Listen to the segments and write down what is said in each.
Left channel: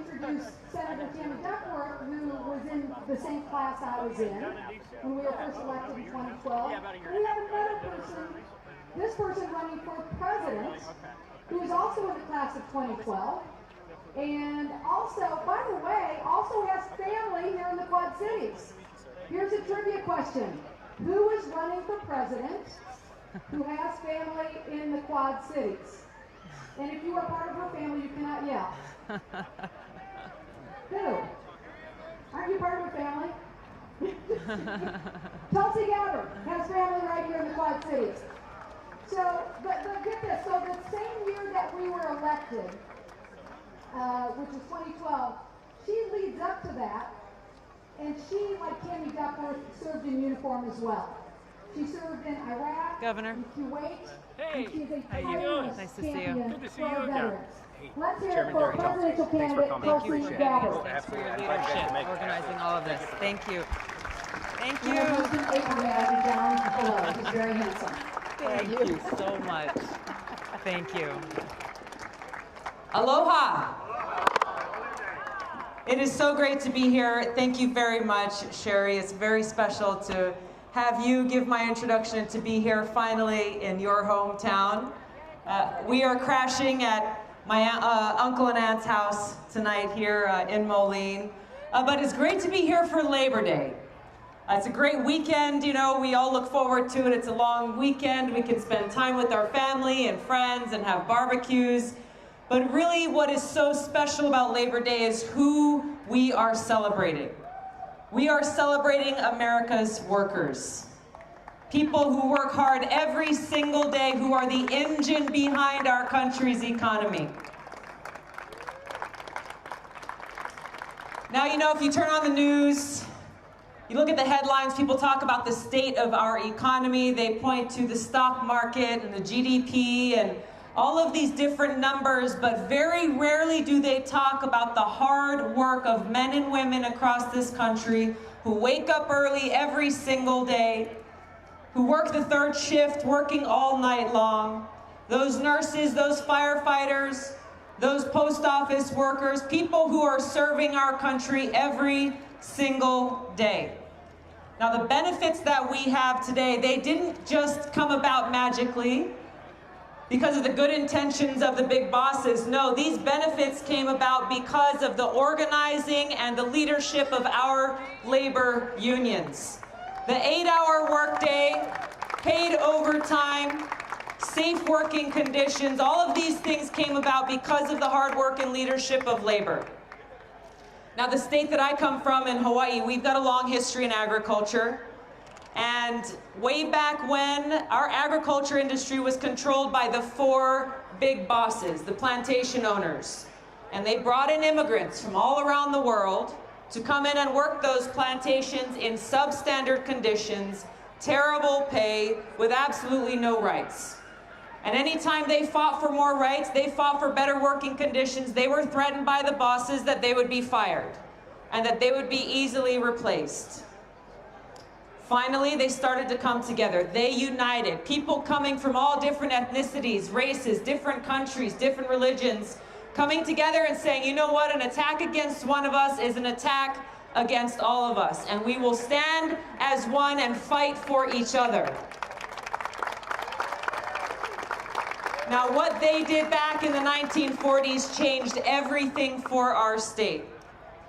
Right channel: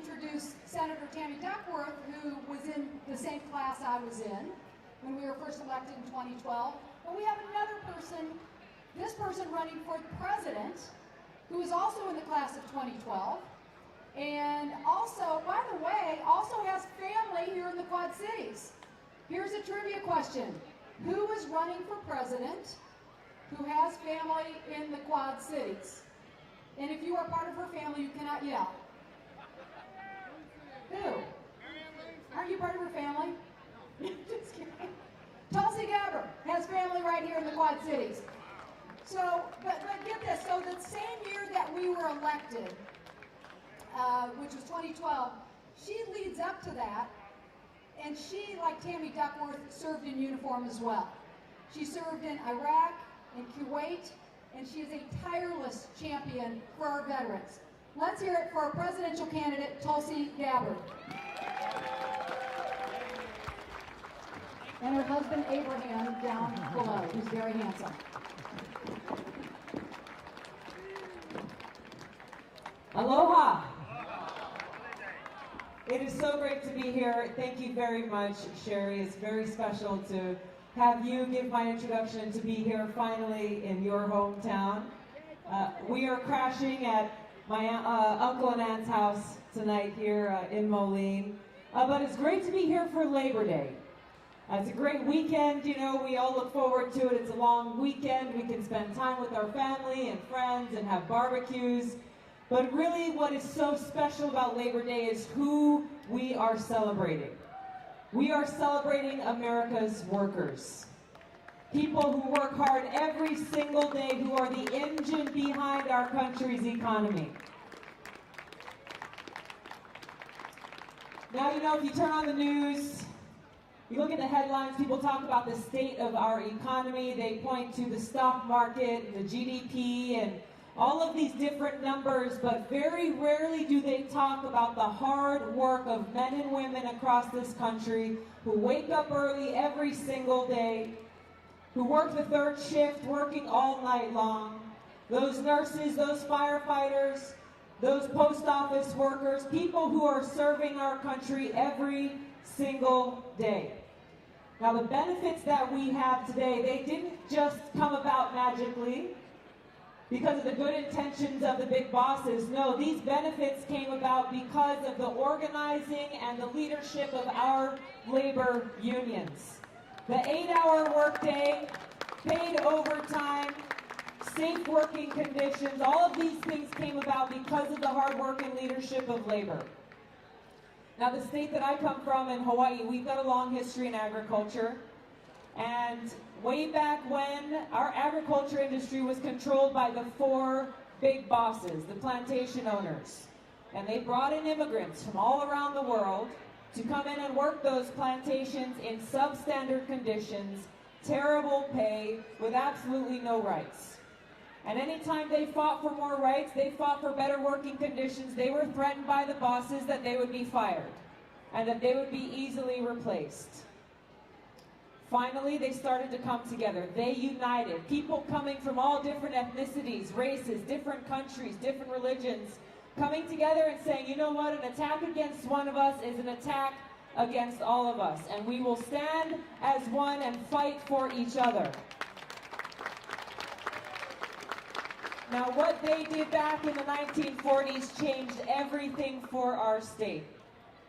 introduce Senator Tammy Duckworth, who was in the same class I was in when we were first elected in 2012. And we have another person, this person running for president, who is also in the class of 2012. And also, by the way, also has family here in the Quad Cities. Here's a trivia question. Who is running for president who has family in the Quad Cities? And if you are part of her family, you cannot yell. Who? Aren't you part of her family? Tulsi Gabbard has family right here in the Quad Cities. So, but get this, so the same year that we were elected, which was 2012, she leads up to that, and she, like Tammy Duckworth, served in uniform as well. She served in Iraq, Governor. in Kuwait, and she is a tireless champion for our veterans. Let's hear it for presidential candidate Tulsi Gabbard. Organizing all of this. Thank you. Thank you. And her husband Abraham down below. He's very handsome. Thank you so much. Thank you. Aloha. It is so great to be here. Thank you very much, Sherry. It's very special to have you give my introduction and to be here finally in your hometown. We are crashing at my uncle and aunt's house tonight here in Moline. But it's great to be here for Labor Day. It's a great weekend, you know, we all look forward to it. It's a long weekend. We can spend time with our family and friends and have barbecues. But really what is so special about Labor Day is who we are celebrating. We are celebrating America's workers. People who work hard every single day, who are the engine behind our country's economy. Now, you know, if you turn on the news, you look at the headlines, people talk about the state of our economy. They point to the stock market and the GDP and all of these different numbers, but very rarely do they talk about the hard work of men and women across this country who wake up early every single day, who work the third shift, working all night long. Those nurses, those firefighters, those post office workers, people who are serving our country every single day. Now, the benefits that we have today, they didn't just come about magically because of the good intentions of the big bosses. No, these benefits came about because of the organizing and the leadership of our labor unions. The 8-hour workday, paid overtime, safe working conditions, all of these things came about because of the hard work and leadership of labor. Now, the state that I come from in Hawaii, we've got a long history in agriculture. And way back when, our agriculture industry was controlled by the 4 big bosses, the plantation owners. And they brought in immigrants from all around the world to come in and work those plantations in substandard conditions, terrible pay, with absolutely no rights. And anytime they fought for more rights, they fought for better working conditions, they were threatened by the bosses that they would be fired and that they would be easily replaced. Finally, they started to come together. They united. People coming from all different ethnicities, races, different countries, different religions, coming together and saying, you know what, an attack against one of us is an attack against all of us. And we will stand as one and fight for each other. Now, what they did back in the 1940s changed everything for our state.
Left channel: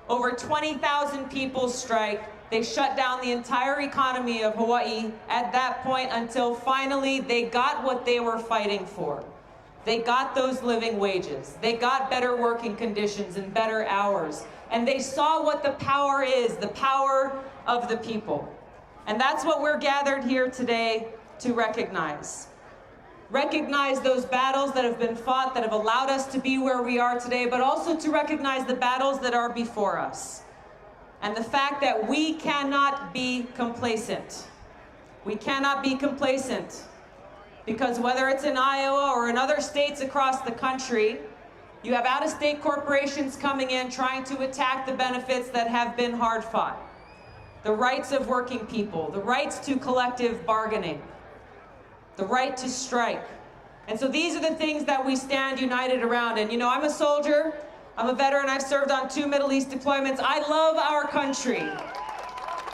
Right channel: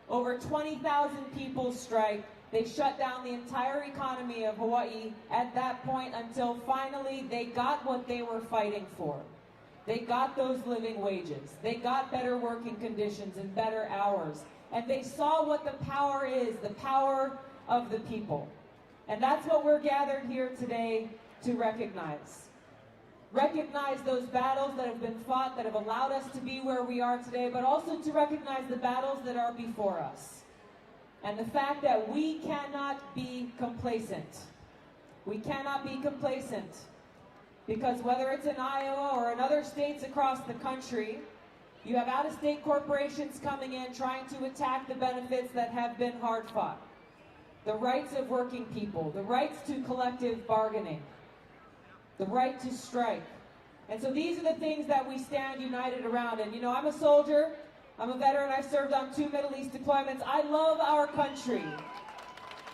Over 20,000 people strike. They shut down the entire economy of Hawaii at that point until finally they got what they were fighting for. They got those living wages. They got better working conditions and better hours. And they saw what the power is, the power of the people. And that's what we're gathered here today to recognize. Recognize those battles that have been fought, that have allowed us to be where we are today, but also to recognize the battles that are before us. And the fact that we cannot be complacent. We cannot be complacent because whether it's in Iowa or in other states across the country, you have out-of-state corporations coming in trying to attack the benefits that have been hard fought. The rights of working people, the rights to collective bargaining, the right to strike. And so these are the things that we stand united around. And you know, I'm a soldier. I'm a veteran. I've served on 2 Middle East deployments. I love our country.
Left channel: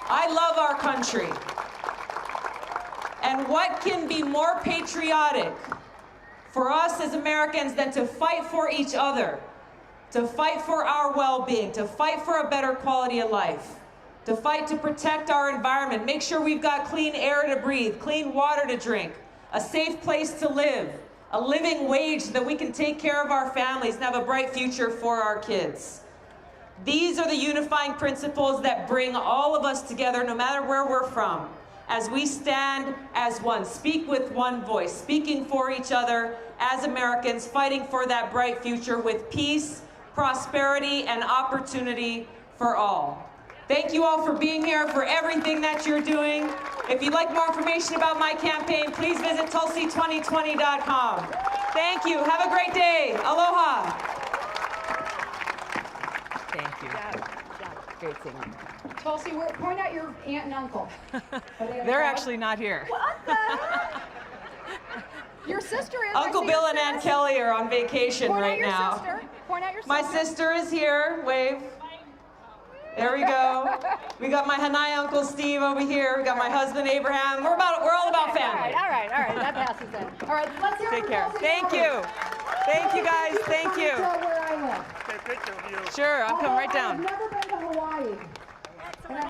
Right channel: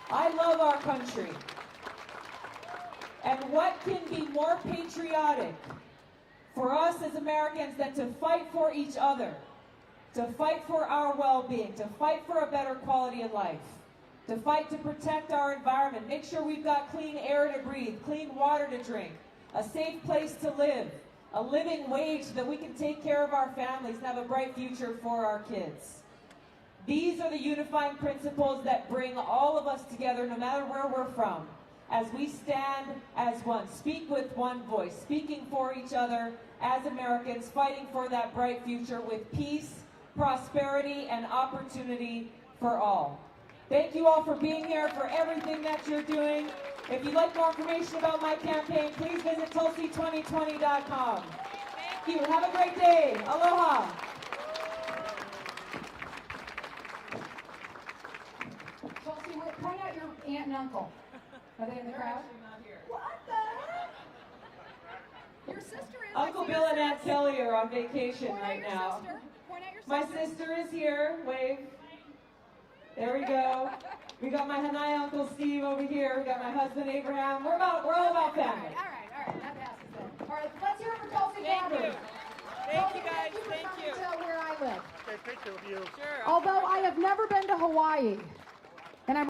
I love our country. And what can be more patriotic for us as Americans than to fight for each other, to fight for our well-being, to fight for a better quality of life, to fight to protect our environment, make sure we've got clean air to breathe, clean water to drink, a safe place to live, a living wage so that we can take care of our families and have a bright future for our kids. These are the unifying principles that bring all of us together, no matter where we're from, as we stand as one, speak with one voice, speaking for each other as Americans, fighting for that bright future with peace, prosperity, and opportunity for all. Thank you all for being here, for everything that you're doing. If you'd like more information about my campaign, please visit Tulsi2020.com. Thank you. Have a great day. Aloha. Thank you. Great singing. Tulsi, point out your aunt and uncle. They're actually not here. Your sister is. Uncle Bill and Aunt Kelly are on vacation right now. Point out your sister. My sister is here. Wave. There we go. We got my Hanai Uncle Steve over here. We got my husband Abraham. We're all about family. All right. That passes then. All right, let's hear Take from care. Tulsi Thank Gabbard. you. Thank you guys. Thank you. Tell where I live. Sure, I'll come right down. I've never been to Hawaii. And I'm